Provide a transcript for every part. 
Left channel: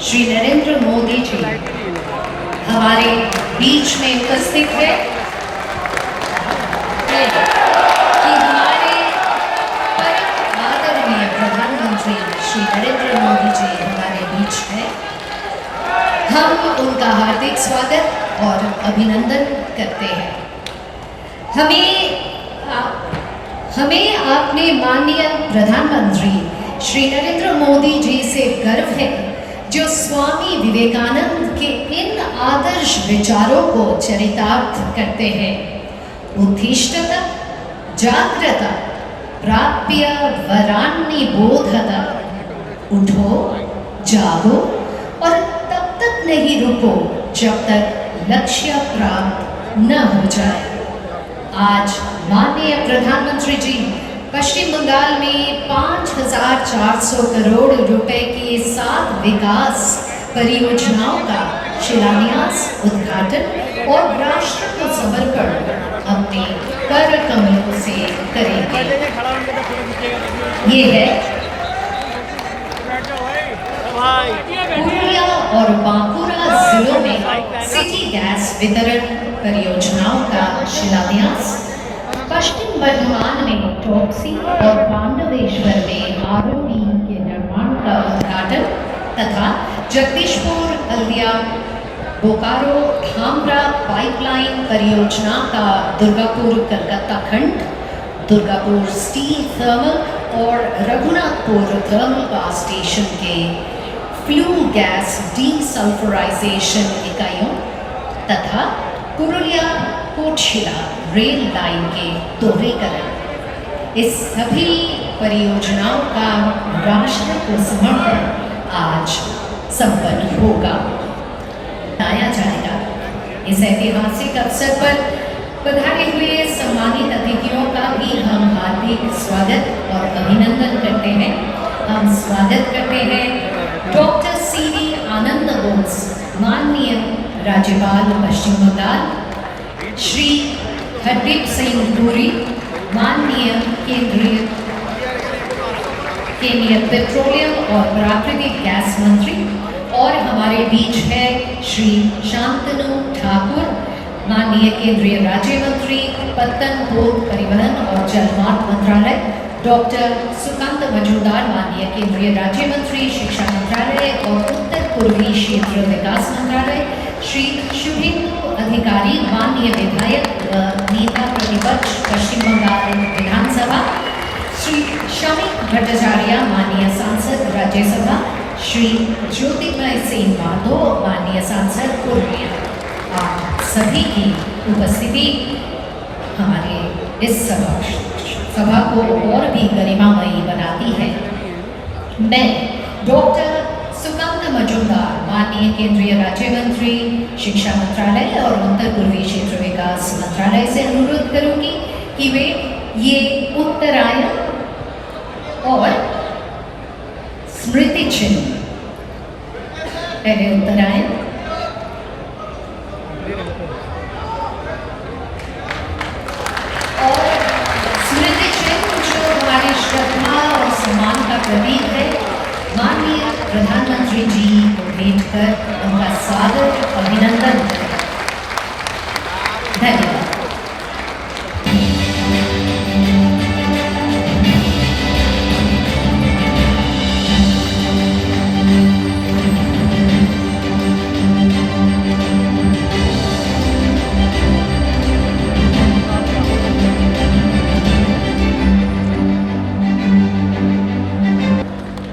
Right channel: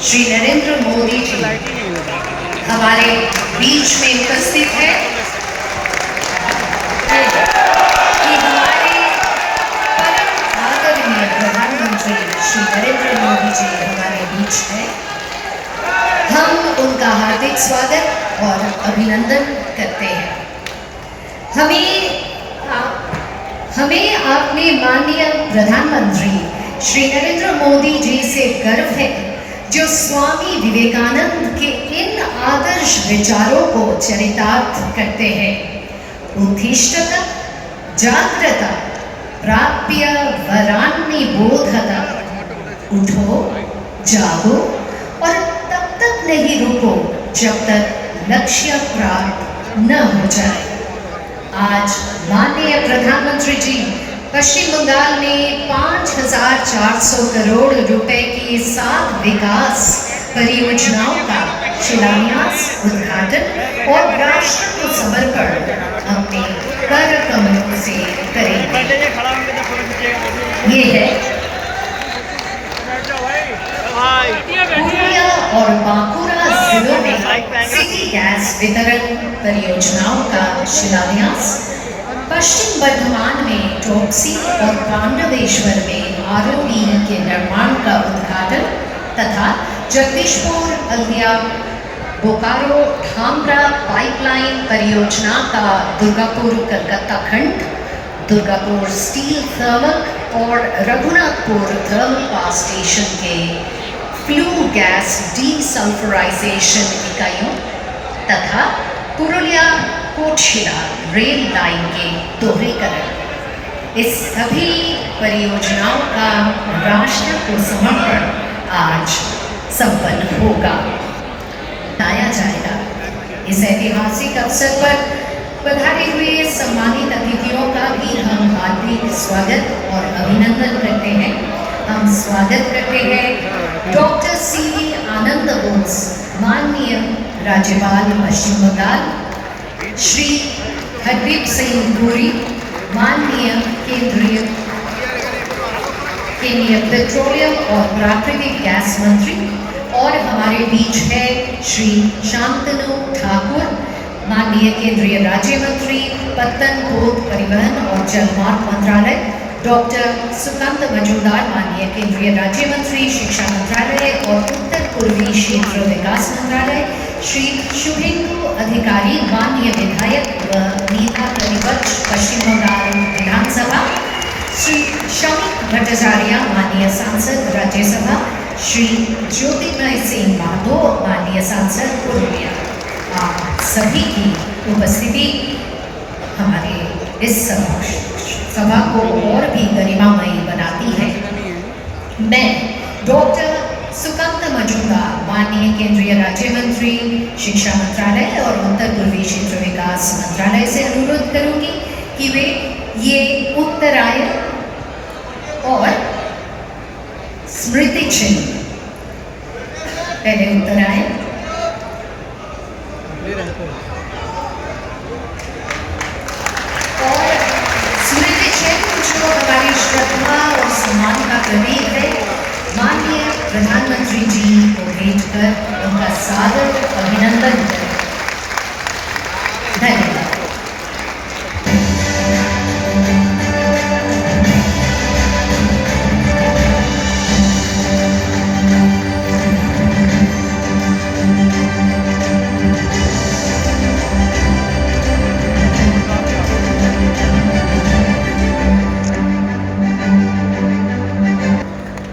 श्री नरेंद्र मोदी जी हमारे बीच में उपस्थित है कि हमारे आदरणीय प्रधानमंत्री श्री नरेंद्र मोदी जी हमारे बीच हैं। हम उनका हार्दिक स्वागत और अभिनंदन करते हैं। हमें अपने माननीय प्रधानमंत्री श्री नरेंद्र मोदी जी से गर्व है, जो स्वामी विवेकानंद के इन आदर्श विचारों को चरितार्थ करते हैं। उत्तिष्ठत जाग्रत प्राप्य वरान्नि बोधत। उठो, जागो और तब तक नहीं रुको जब तक लक्ष्य प्राप्त न हो जाए। आज माननीय प्रधानमंत्री जी पश्चिम बंगाल में 5,400 करोड़ रुपए की 7 विकास परियोजनाओं का शिलान्यास, उद्घाटन और राष्ट्र को समर्पण अपने कर कमलों से करेंगे। ये है पूर्णिया और बांकुरा जिलों में सिटी गैस वितरण परियोजनाओं का शिलान्यास, पश्चिम बर्धमान में टॉक्सी और पांडवेश्वर में आरओबी के निर्माण का उद्घाटन तथा जगदीशपुर हल्दिया बोकारो धामरा पाइपलाइन परियोजना का दुर्गापुर कलकत्ता खंड, दुर्गापुर स्टील थर्मल और रघुनाथपुर थर्मल पावर स्टेशन के फ्लू गैस डीसल्फराइजेशन इकाइयों तथा पुरुलिया कोटशिला रेल लाइन के दोहरीकरण। इस सभी परियोजनाओं का राष्ट्र को समर्पण आज संपन्न होगा, बताया जाएगा। इस ऐतिहासिक अवसर पर पधारे हुए सम्मानित अतिथियों का भी हम हार्दिक स्वागत और अभिनंदन करते हैं। हम स्वागत करते हैं डॉक्टर सीवी आनंद बोस, माननीय राज्यपाल पश्चिम बंगाल, श्री हरदीप सिंह पुरी, माननीय केंद्रीय पेट्रोलियम और प्राकृतिक गैस मंत्री, और हमारे बीच है श्री शांतनु ठाकुर, माननीय केंद्रीय राज्य मंत्री, पत्तन, पोत, परिवहन और जलमार्ग मंत्रालय, डॉक्टर सुकांत मजूमदार, माननीय केंद्रीय राज्य मंत्री, शिक्षा मंत्रालय और उत्तर पूर्वी क्षेत्र विकास मंत्रालय, श्री शुभेंदु अधिकारी, माननीय विधायक व नेता प्रतिपक्ष पश्चिम बंगाल विधानसभा, श्री शमिक भट्टाचार्य, माननीय सांसद राज्यसभा, श्री ज्योतिर्मय सिंह माधो, माननीय सांसद पूर्णिया। आप सभी की उपस्थिति हमारे इस सभा को और भी गरिमामयी बनाती है। मैं डॉक्टर सुकांत मजूमदार, माननीय केंद्रीय राज्य मंत्री, शिक्षा मंत्रालय और उत्तर पूर्वी क्षेत्र विकास मंत्रालय से अनुरोध करूंगी कि वे ये उत्तरायण और स्मृति चिन्ह, पहले उत्तरायण और स्मृति चिन्ह जो हमारी श्रद्धा और सम्मान का प्रतीक है, माननीय प्रधानमंत्री जी को भेंट कर उनका स्वागत और अभिनंदन करें। धन्यवाद।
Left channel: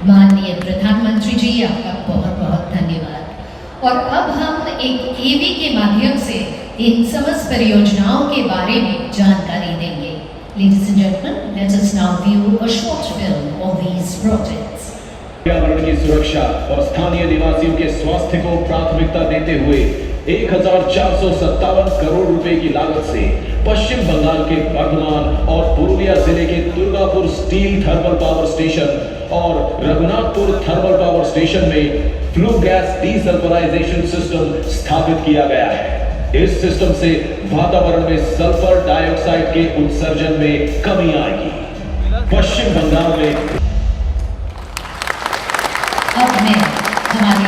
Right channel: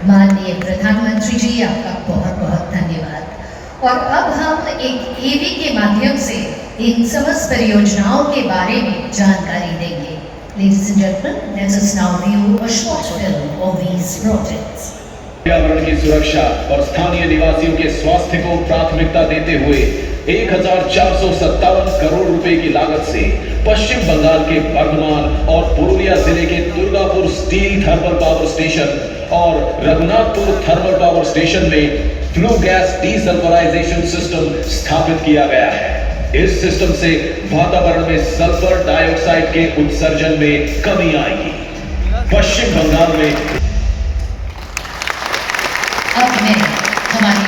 माननीय प्रधानमंत्री जी, आपका बहुत बहुत धन्यवाद। और अब हम एक ईवी के माध्यम से इन समस्त परियोजनाओं के बारे में जानकारी देंगे। Ladies and gentlemen, let us now view a short film of these projects. पर्यावरण की सुरक्षा और स्थानीय निवासियों के स्वास्थ्य को प्राथमिकता देते हुए 1,457 करोड़ रुपए की लागत से पश्चिम बंगाल के बर्धमान और पुरुलिया जिले के Durgapur steel thermal power station और रघुनाथपुर थर्मल पावर स्टेशन में फ्लू गैस डीसल्फराइजेशन सिस्टम स्थापित किया गया है। इस सिस्टम से वातावरण में सल्फर डाइऑक्साइड के उत्सर्जन में कमी आएगी। पश्चिम बंगाल में अब मैं हमारे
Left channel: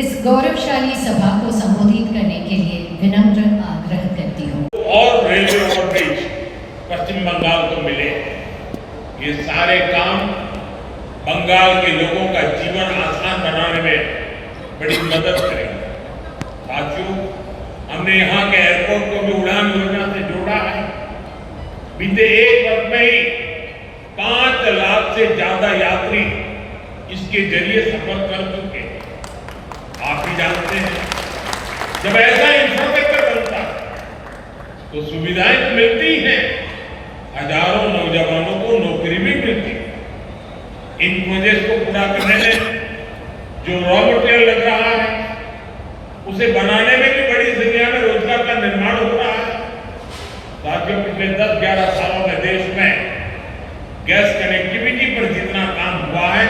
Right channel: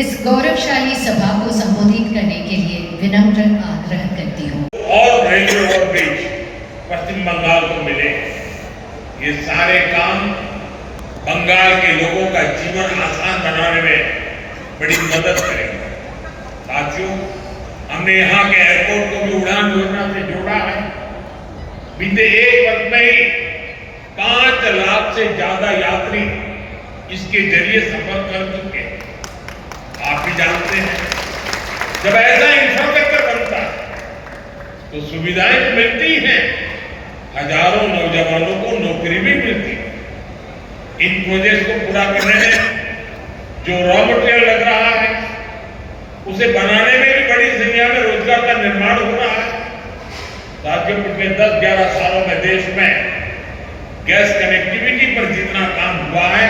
इस गौरवशाली सभा को संबोधित करने के लिए विनम्र आग्रह करती हूँ। और रेलवे ओवरब्रिज पश्चिम बंगाल को मिले, ये सारे काम बंगाल के लोगों का जीवन आसान बनाने में बड़ी मदद करेंगे। साथियों, हमने यहाँ के एयरपोर्ट को भी उड़ान योजना से जोड़ा है। बीते एक वर्ष में ही 5 लाख से ज्यादा यात्री इसके जरिए सफर कर चुके हैं। आप भी जानते हैं, जब ऐसा इंफ्रास्ट्रक्चर बनता है तो सुविधाएं तो मिलती हैं, हजारों नौजवानों को नौकरी भी मिलती है। इन प्रोजेक्ट को पूरा करने में जो रॉ मटेरियल लग रहा है, उसे बनाने में भी बड़ी संख्या में रोजगार का निर्माण हो रहा है। साथियों, पिछले 10-11 सालों में देश में गैस कनेक्टिविटी पर जितना काम हुआ है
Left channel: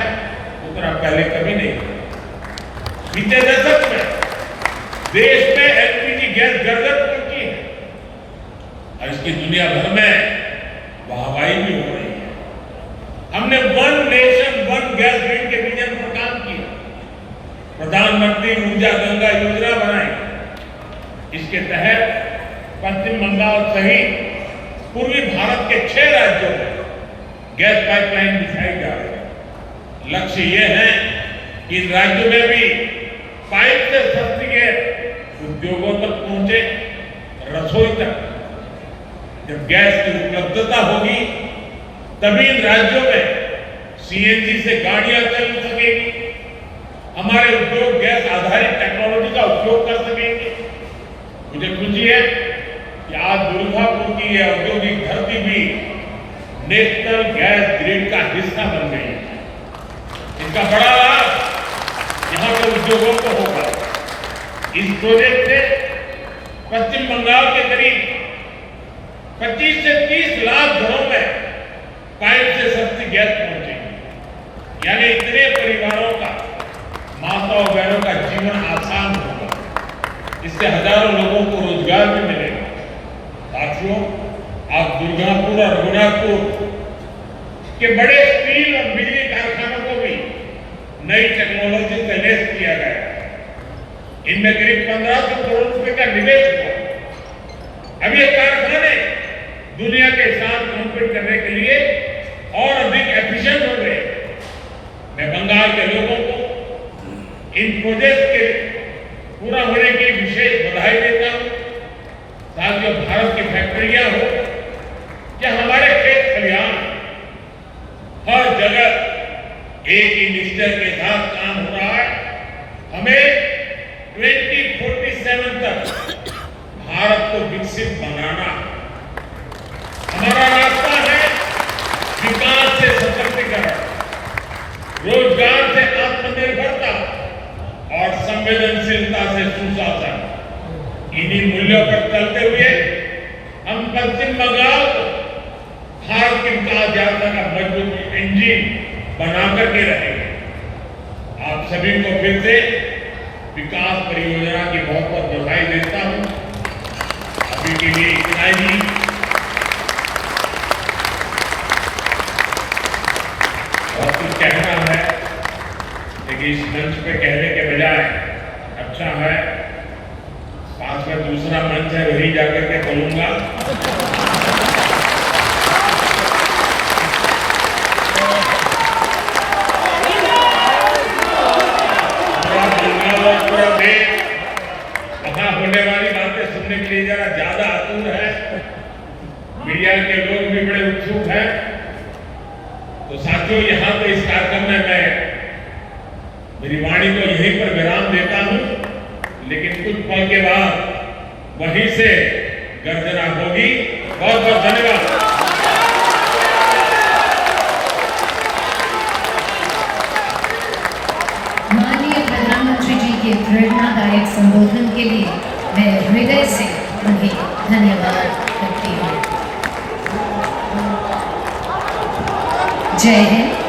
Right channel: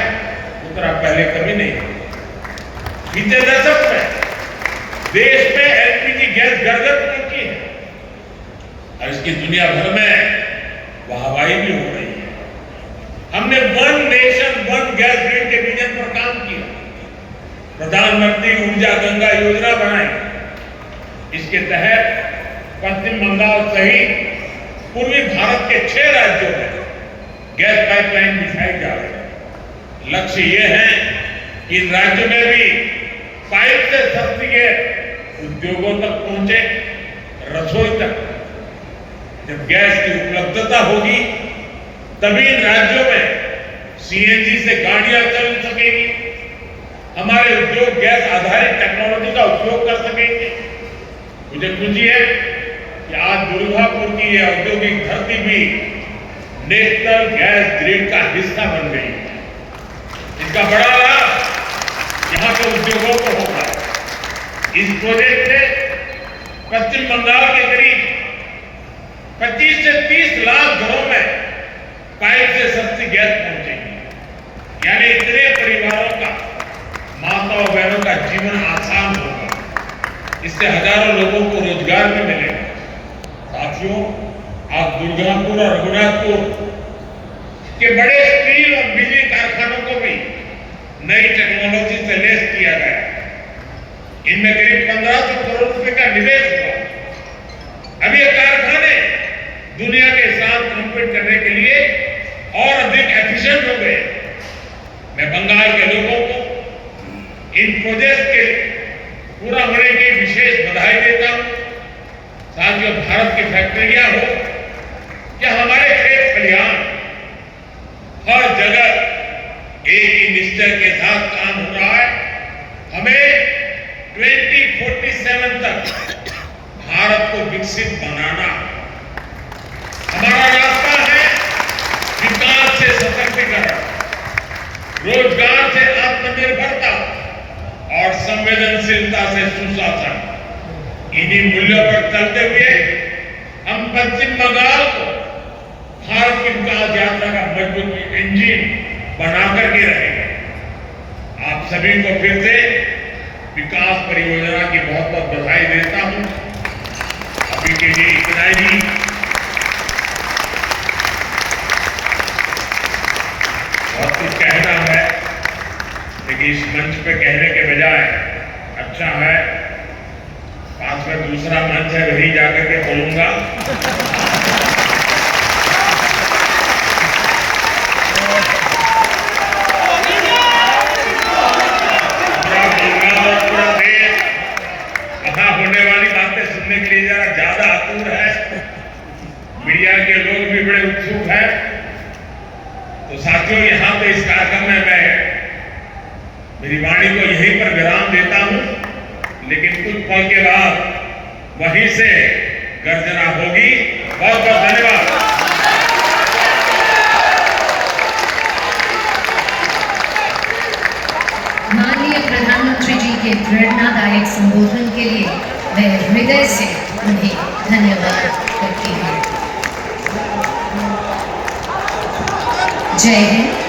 उतना पहले कभी नहीं हुआ। बीते दशक में देश में एलपीजी गैस घर घर पहुंची है और इसकी दुनिया भर में वाहवाही भी हो रही है। हमने one nation one gas grid के विजन पर काम किया, प्रधानमंत्री ऊर्जा गंगा योजना बनाई। इसके तहत पश्चिम बंगाल सहित पूर्वी भारत के 6 राज्यों में गैस पाइपलाइन बिछाई जा रही है। लक्ष्य यह है कि इन राज्यों में भी पाइप से सस्ती गैस उद्योगों तक पहुंचे, रसोई तक। जब गैस की उपलब्धता होगी तभी इन राज्यों में सीएनजी से गाड़ियां चल सकेगी, हमारे उद्योग गैस आधारित टेक्नोलॉजी का उपयोग कर सकेंगे। मुझे खुशी है कि आज दुर्गापुर की यह औद्योगिक धरती भी नेशनल गैस ग्रिड का हिस्सा बन गई है। इसका बड़ा लाभ यहाँ के उद्योगों को होगा। इस प्रोजेक्ट से पश्चिम बंगाल के करीब 25 से 30 लाख घरों में पाइप से सस्ती गैस पहुंचेगी। यानी इतने परिवारों का, माताओं बहनों का जीवन आसान होगा। इससे हजारों लोगों को रोजगार भी मिलेगा। साथियों, आज दुर्गापुर और रघुनाथपुर के बड़े स्टील और बिजली कारखानों को भी नई टेक्नोलॉजी से लैस किया गया। इनमें करीब 1500 करोड़ रुपए का निवेश हुआ। अब ये कारखाने दुनिया के साथ कॉम्पीट करने के लिए और अधिक एफिशिएंट हो गए। मैं बंगाल के लोगों को इन प्रोजेक्ट के पूरा होने की विशेष बधाई देता हूं। साथियों, भारत की फैक्ट्रियां हो या हमारे खेत खलिहान, हर जगह एक ही निश्चय के साथ काम हो रहा है। हमें 2047 तक भारत को विकसित बनाना। हमारा रास्ता है विकास से सशक्तिकरण, रोजगार से आत्मनिर्भरता और संवेदनशीलता से सुशासन। इन्हीं मूल्यों पर चलते हुए हम पश्चिम बंगाल को भारत की विकास यात्रा का मजबूत इंजन बना करके रहेंगे। आप सभी को फिर से विकास परियोजना की बहुत बहुत बधाई देता हूं। अभी के लिए इतना ही। बहुत कुछ कहना है, लेकिन इस मंच पे कहने के बजाय अच्छा है पास में दूसरा मंच है, वही जाकर के बोलूंगा। मीडिया के लोग भी बड़े उत्सुक हैं। तो साथियों, यहाँ पे इस कार्यक्रम में मैं मेरी वाणी को यहीं पर विराम देता हूं, लेकिन कुछ पल के बाद वहीं से गर्जना होगी। बहुत बहुत धन्यवाद। माननीय प्रधानमंत्री जी के प्रेरणादायक संबोधन के लिए मैं हृदय से उन्हें धन्यवाद करती हूँ। जय हिंद।